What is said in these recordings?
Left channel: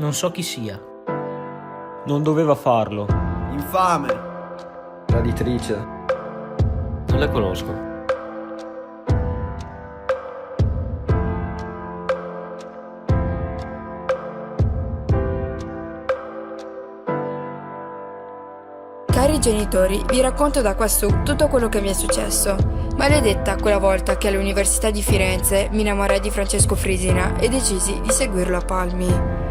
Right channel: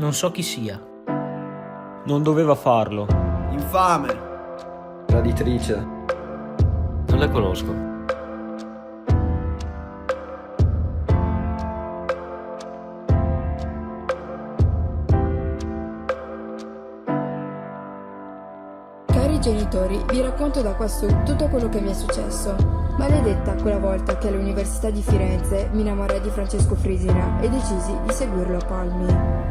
Non so chi sia. Non doveva farlo. Infame! Raditrice. Non la conosco. Cari genitori, vi racconto da quassù tutto quello che mi è successo. Maledetta quella volta che all'Università di Firenze mi innamorai di Francesco Frisina e decisi di seguirlo a palmi.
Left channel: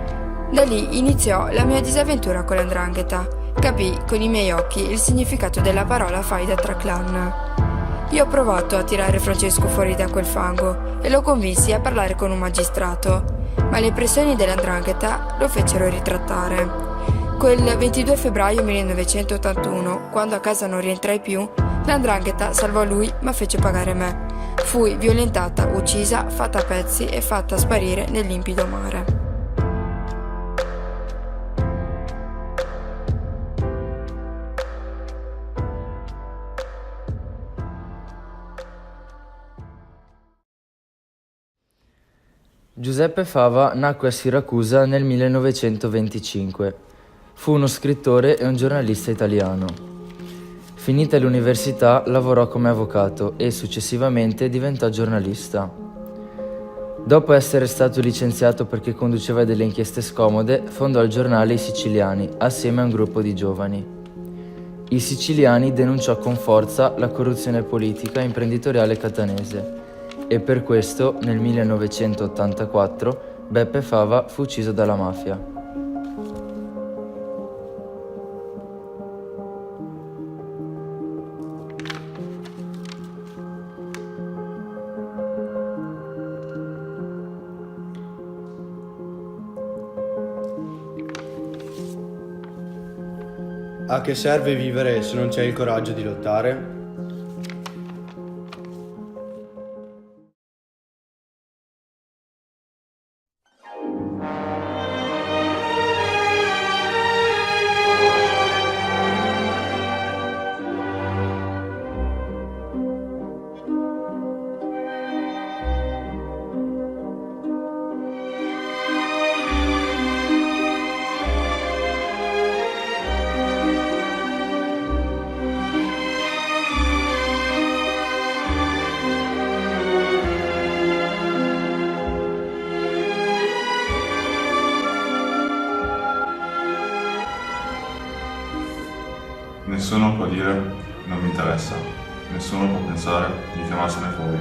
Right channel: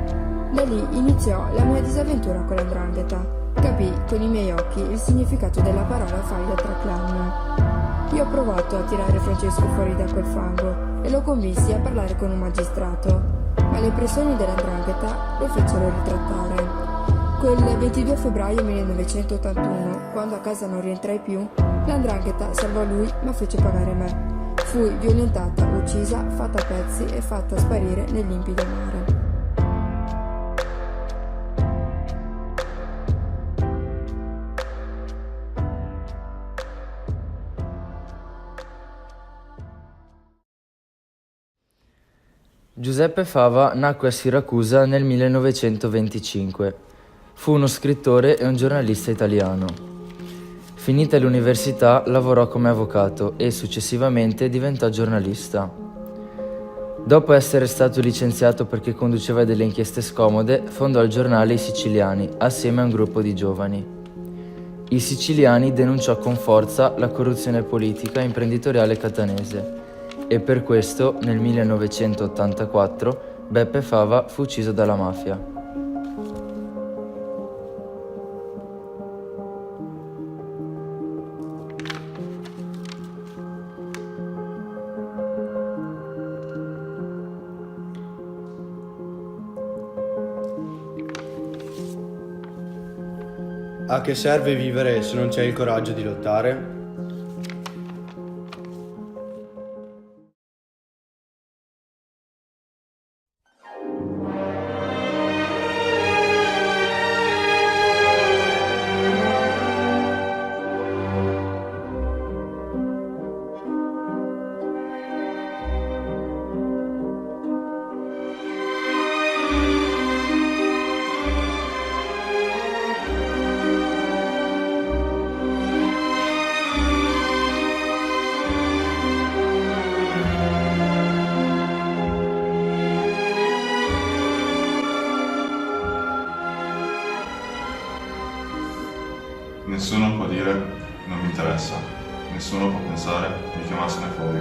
Da lì iniziò la mia disavventura con l''ndrangheta. Capii con i miei occhi il significato della parola faida tra clan. Io ho provato a tirare Francesco fuori da quel fango e lo convinsi a parlare con un magistrato, ma le pressioni dell''ndrangheta lo fecero ritrattare. Quel 22 febbraio 1981, quando a casa non rientrai più, l''ndrangheta salvò lui ma fece pagare me. Fui violentata, uccisa, fatta a pezzi e fatta sparire nel limpido mare. Giuseppe Fava nacque a Siracusa nel 1925. Fu uno scrittore e un giornalista italiano. Finita l'università lavorò come avvocato e successivamente diventò giornalista. Dopo essere stato licenziato perché conduceva delle inchieste scomode, fondò il giornale I Siciliani assieme a un gruppo di giovani. I Siciliani denunciò con forza la corruzione politica e imprenditoriale catanese e per questo nel 1984 Beppe Fava fu ucciso dalla mafia. A che serve vivere se non c'è il coraggio di lottare? Nessuno può dire non mi interessa, nessuno può pensare di chiamarsene fuori.